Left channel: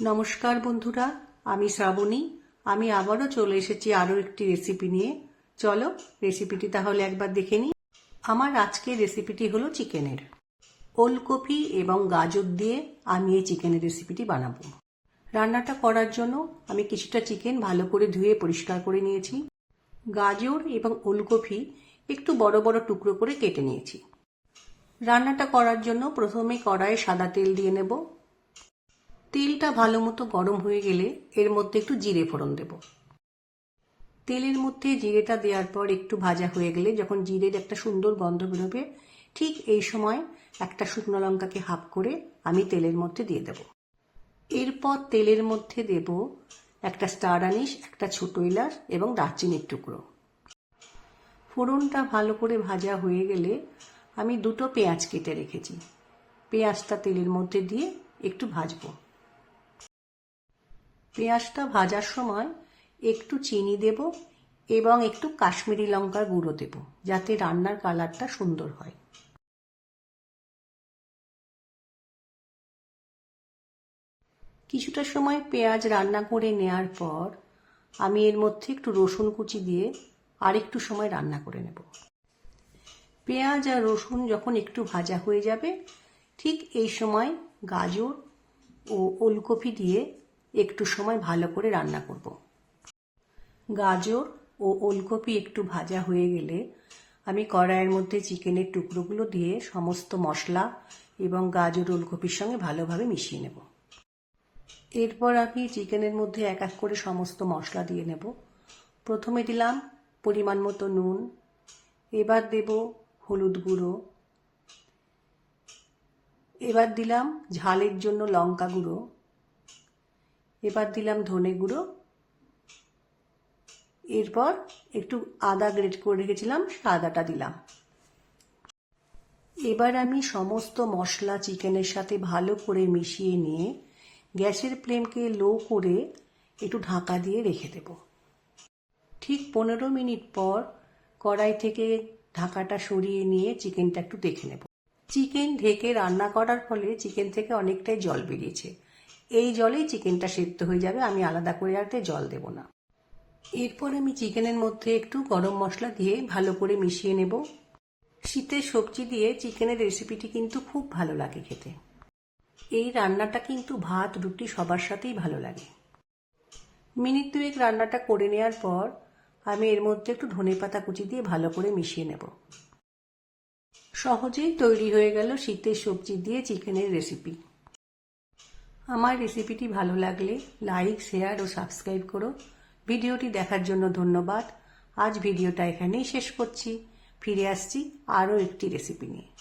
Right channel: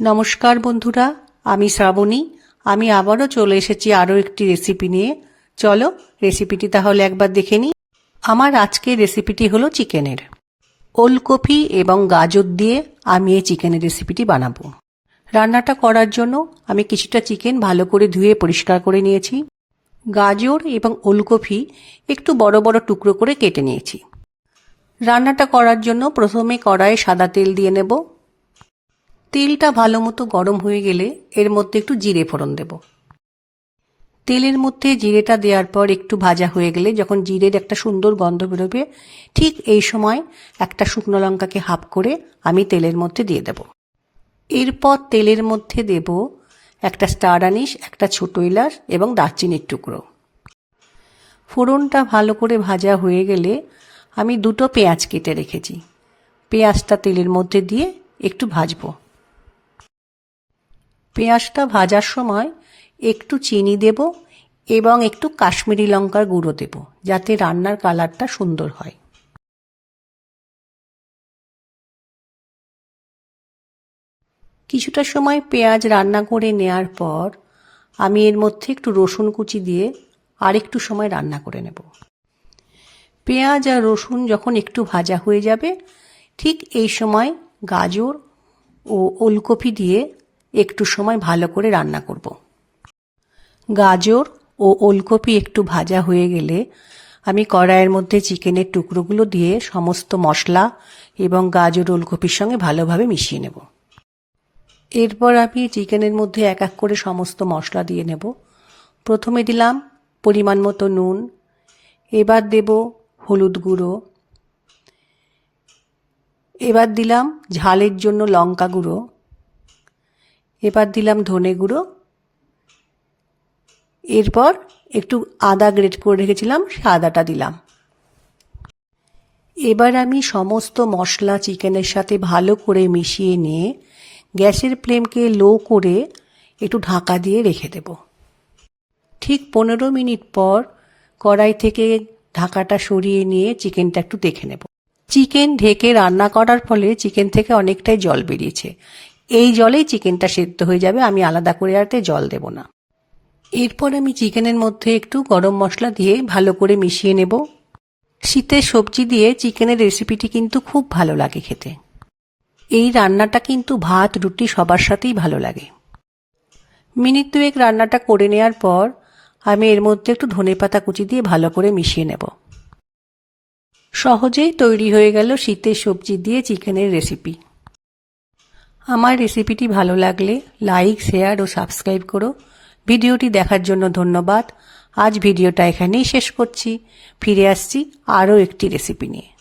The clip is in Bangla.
নমস্কার বন্ধুরা, আমি শ্রাবণী। আমি আবারও চলে এসেছি আরও একটি রেসিপি নিয়ে। চলো রেসিপিটি তাহলে একবার দেখে নিই। আমার আজকের রেসিপিটি হলো চিকেনের। ওলকপি এবং গাজর দিয়ে আমি এই চিকেনের রেসিপিটি বানাবো। রান্নাটা করার জন্য আমি কিছুটা চিকেন ভালো করে ধুয়ে পরিষ্কার করে নিয়েছি। গাজর এবং ওলকপি একটু বড় বড় টুকরো করে কেটে নিয়েছি। রান্নাটা করার জন্য প্রথমে কড়াইয়ে সাদা তেল দিয়ে নেব। তেলটা ভালো মতো গরম হয়ে গেলে এর মধ্যে একটু জিরে ফোড়ন দেব। তেলের মধ্যে জিরেটা দেওয়ার পর একটু ভাজা হয়ে গেলে যখন জিরের একটা সুন্দর গন্ধ বেরোবে, ঠিক এই সময় একটা শুকনো লঙ্কাকে হাফ করে আমি তেলের মধ্যে দিয়ে দেব। এরপর তেলের মধ্যে দেব একটা স্টার আনিস, একটা ছোটো ইলাচ এবং দারচিনির টুকরো। ফোড়নটা ভালো করে ভাজা হয়ে গেলে আমি দুটো পেঁয়াজ কেটে রেখেছি। পেঁয়াজটা তেলের মধ্যে দিয়ে একটু ভাজবো। পেঁয়াজটা ভাজার সময় একটু চিনি দেব এবং একটু কাশ্মীরি লঙ্কার গুঁড়ো দেব, যাতে রান্নার কালারটা সুন্দর হয়। কিছুটা সময় পেঁয়াজ রান্না করে নেওয়ার পর আমি এর মধ্যে একটু রসুন কুচি দিয়ে আর একটু সময় রান্না করে নেব। পেঁয়াজ আর রসুন যখন একটু ভাজা হয়ে যাবে, ঠিক এই সময় গাজর ও ওলকপি দিয়ে একটু সময় ভালো করে রান্না করব। গাজর ও ওলকপি একটু ভাজা হয়ে গেলে আমি কড়াইয়ের মধ্যে চিকেনের টুকরোগুলো দিয়ে সমস্ত মশলা এবং গাজর ওলকপির সঙ্গে ভালোভাবে মিশিয়ে নেব। এরপর আমি চিকেনের মধ্যে এক এক করে সমস্ত মশলা দিয়ে নেব। প্রথমে দিলাম পরিমাণ মতো নুন, এবার দেব হলুদ গুঁড়ো, এবার দিলাম ঝালের জন্য লঙ্কা গুঁড়ো এবার দিলাম ধনে গুঁড়ো। এরপর একটু আদা গ্রেট করে রেখেছিলাম, সে আদাটা দিলাম। এবার আমি সমস্ত মশলা চিকেনের সাথে ভালো করে মিশিয়ে নিয়ে গ্যাসের ফ্লেমকে লো করে একটু ঢাকা দিয়ে রেখে দেব। ঠিক পনেরো মিনিট পর কড়াই থেকে ঢাকাটা সরিয়ে নিয়ে চিকেনটা একটু দেখে নেব। চিকেন ঢেকে রান্না করার ফলে চিকেন থেকে অনেকটাই জল বেরিয়েছে। এই জলেই চিকেনটা সেদ্ধ হয়ে যাবে, আমি আলাদা করে আরতে জল দেব না। এরপর আমি চিকেনের মধ্যে একটু গরম মশলা দিয়ে ভালো করে মিশিয়ে নেব। শীতের সবজি দিয়ে চিকেনের রেসিপিটি কিন্তু খুব ভালো লাগে খেতে। এই রান্নাটা কিন্তু ভাত, রুটি সবার সাথেই ভালো লাগে। মিনিট দুয়েক রান্নাটা করে নেওয়ার পর আমি এর মধ্যে একটু ধনে পাতা কুচি দিয়ে ভালো করে মিশিয়ে নেব। সহজেই তৈরি হয়ে গেল শীতের সবজি দিয়ে চিকেনের রেসিপি। আমার রেসিপিটি ভালো লাগলে লাইক শেয়ার ও সাবস্ক্রাইব করো। ভিডিওটি দেখার জন্য ধন্যবাদ। আজ ভিডিওটা এখানেই শেষ করছি। ফিরে আসছি আরও একটি রেসিপি নিয়ে।